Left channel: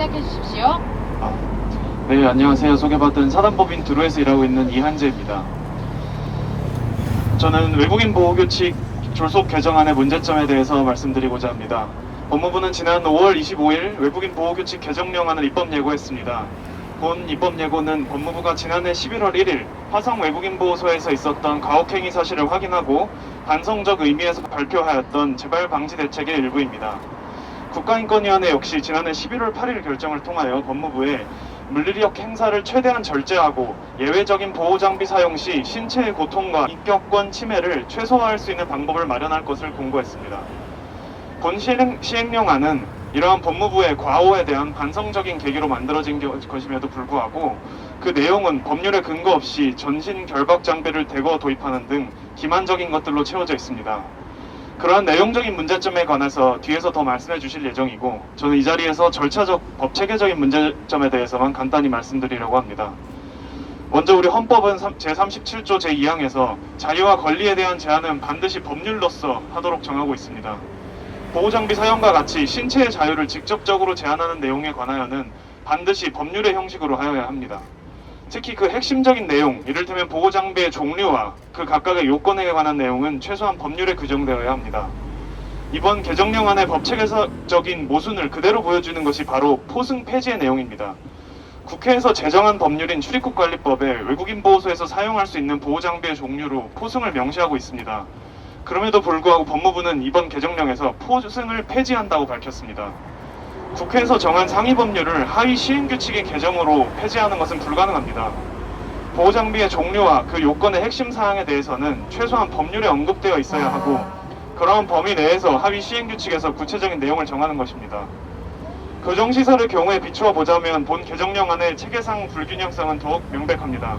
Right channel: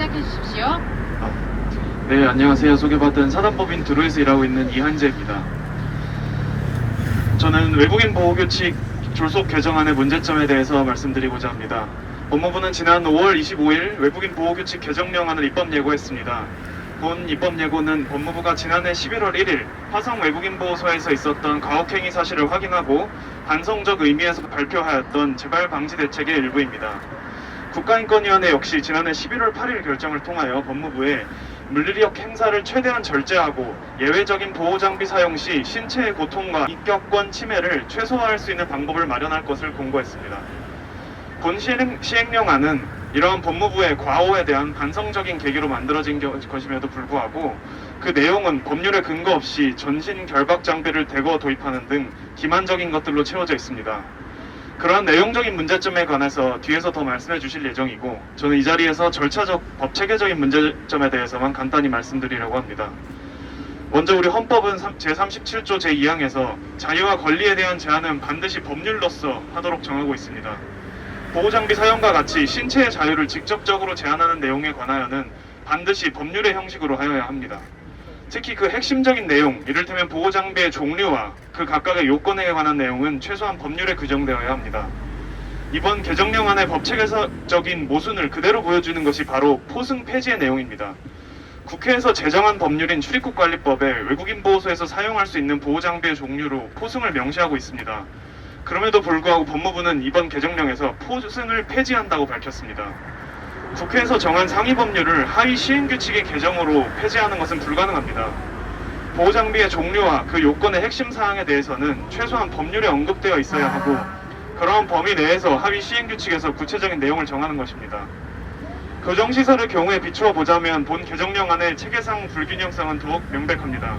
시작해 주십시오. 네, 안녕하세요. 소개받은 사단법인 드루에서 일하고 있는 이한재입니다. 저는 외국인 보호규칙 졸속 개정안의 문제점에 대해서 말씀드리고자 합니다. 법무부는 지난 5월 25일 외국인 보호규칙 개정령안을 입법 예고했습니다. 본 입법 예고는 법무부가 지난해 11월 1일 화성 외국인 보호소에서 있었던 가혹행위 사실을 확인하고 반성적 의미에서 발표하였던 재발 방지 대책의 일부입니다. 국가인권위원회 역시 지난해 11월 8일 결정을 통하여 법무부에 물리력 행사를 최대한 절제하고 예외적인 보호장비 사용 시 신체의 고통과 인격권 침해를 최소화할 수 있는 방법을 마련할 것을 공고했습니다. 본 시행령안은 이러한 법무부의 과오에 대한 반성적인 계기로 만들어진 것임에도 불구하고 그 내용은 법률에 근거 없이 전신 결박 장비를 대거 도입하는 등 기만적인 것들로 채워져 있습니다. 그러한 내용적인 문제점에 관해서 뒤에서 더 말씀해 주실 예정이고, 저는 이 자리에서 절차적, 법체계적인 문제점에 대해서만 간단히 말씀드리려고 합니다. 먼저 우리 헌법은 제37조 제2항에서 자유와 권리에 대한 제한은 반드시 법률로서 하도록 정하고 있습니다. 보호장비 사용과 같이 신체의 자유를 직접적으로 제한하는 내용에 관하여는 반드시 법률의 형식으로 하여야 합니다. 특히 그 핵심적인 내용, 이를테면 보호장비의 종류와 그 각각의 요건에 관한 내용은 최소한 법률에 규정되어야 합니다. 이번 개정령안의 법체계적인 모순을 그대로 보여주는 것이 바로 포승 폐지의 내용입니다. 국회에서 제정한 법률인 출입국관리법에 외국인 보호소에서 사용할 수 있는 보호장비의 종류로 포승을 명시하고 있습니다. 그럼에도 불구하고 법무부는 이번 개정령에서 포승을 폐지한다고 밝혔습니다. 국회에서 정한 상위 법률을 하위 시행규칙의 개정으로 폐지하는 것은 불가능합니다. 보호장비의 종류와 그 요건의 핵심 사항에 대해서는 최소한 법률에 언급되어 있어야 하고, 그러한 범위 내에서 하위 시행규칙에서 구체적인 내용을 정하는 것입니다. 교정시설의 경우에 비추어 보자면 본 개정령안의 체계상 불균형성은 더욱 명백합니다.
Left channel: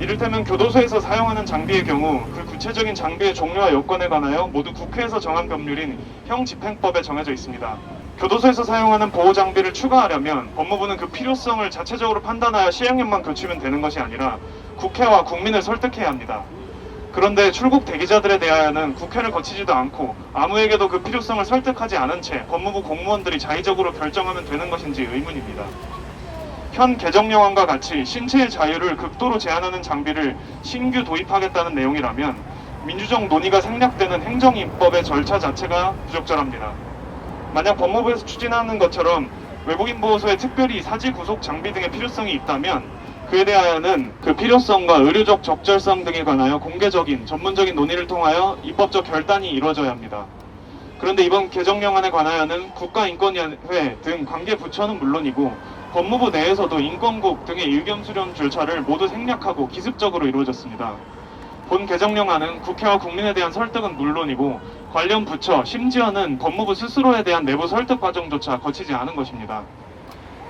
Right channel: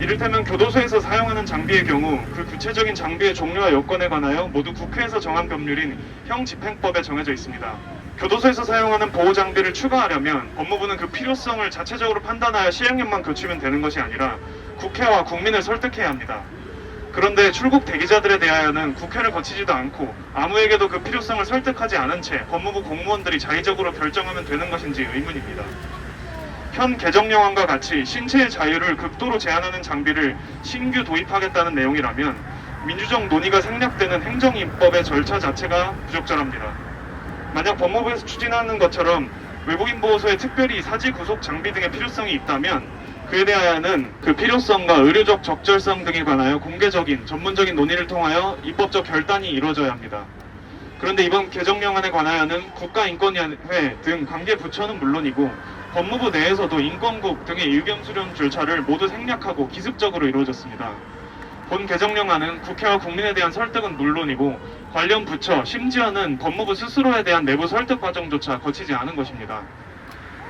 이를테면 교도소에서 사용하는 장비의 경우 그 구체적인 장비의 종류와 요건에 관하여 모두 국회에서 정한 법률인 형집행법에 정해져 있습니다. 교도소에서 사용하는 보호장비를 추가하려면 법무부는 그 필요성을 자체적으로 판단하여 시행령만 교치면 되는 것이 아니라 국회와 국민을 설득해야 합니다. 그런데 출국 대기자들에 대하여는 국회를 거치지도 않고 아무에게도 그 필요성을 설득하지 않은 채 법무부 공무원들이 자의적으로 결정하면 되는 것인지 의문입니다. 현 개정령안과 같이 신체의 자유를 극도로 제한하는 장비를 신규 도입하겠다는 내용이라면 민주적 논의가 생략되는 행정입법의 절차 자체가 부적절합니다. 만약 법무부에서 추진하는 것처럼 외국인 보호소에 특별히 사지 구속 장비 등의 필요성이 있다면 그에 대하여는 그 필요성과 의료적 적절성 등에 관하여 공개적인 전문적인 논의를 통하여 입법적 결단이 이루어져야 합니다. 그런데 이번 개정령안에 관하여는 국가인권위원회 등 관계 부처는 물론이고 법무부 내에서도 인권국 등의 의견 수렴 절차를 모두 생략하고 기습적으로 이루어졌습니다. 본 개정령안은 국회와 국민에 대한 설득은 물론이고 관련 부처, 심지어는 법무부 스스로에 대한 내부 설득 과정조차 거치지 않은 것입니다.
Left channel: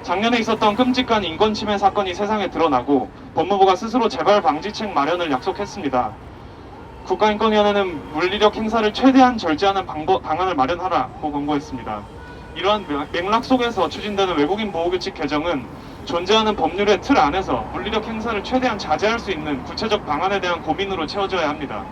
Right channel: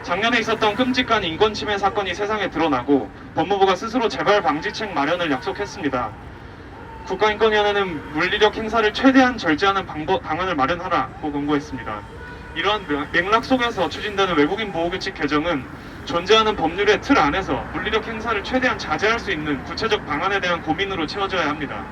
작년에 있었던 끔찍한 인권침해 사건이 세상에 드러나고 법무부가 스스로 재발 방지책 마련을 약속했습니다. 국가인권위원회는 물리력 행사를 최대한 절제하는 방안을 마련하라고 권고했습니다. 이러한 맥락 속에서 추진되는 외국인 보호규칙 개정은 존재하는 법률의 틀 안에서 물리력 행사를 최대한 자제할 수 있는 구체적 방안에 대한 고민으로 채워져야 합니다.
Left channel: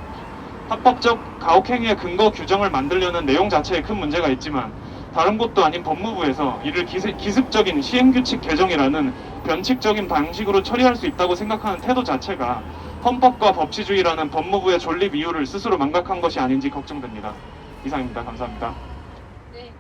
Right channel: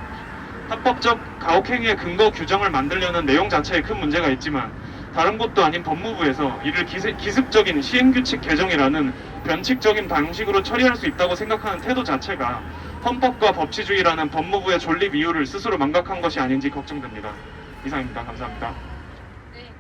합법적 가혹행위의 근거 규정을 만들려는 내용 자체에 큰 문제가 있지만 다른 곳도 아닌 법무부에서 이를 기습적인 시행규칙 개정이라는 변칙적인 방식으로 처리할 수 있다고 생각하는 태도 자체가 헌법과 법치주의라는 법무부의 존립 이유를 스스로 망각한 것이 아닌지 걱정됩니다. 이상입니다. 감사합니다. 네.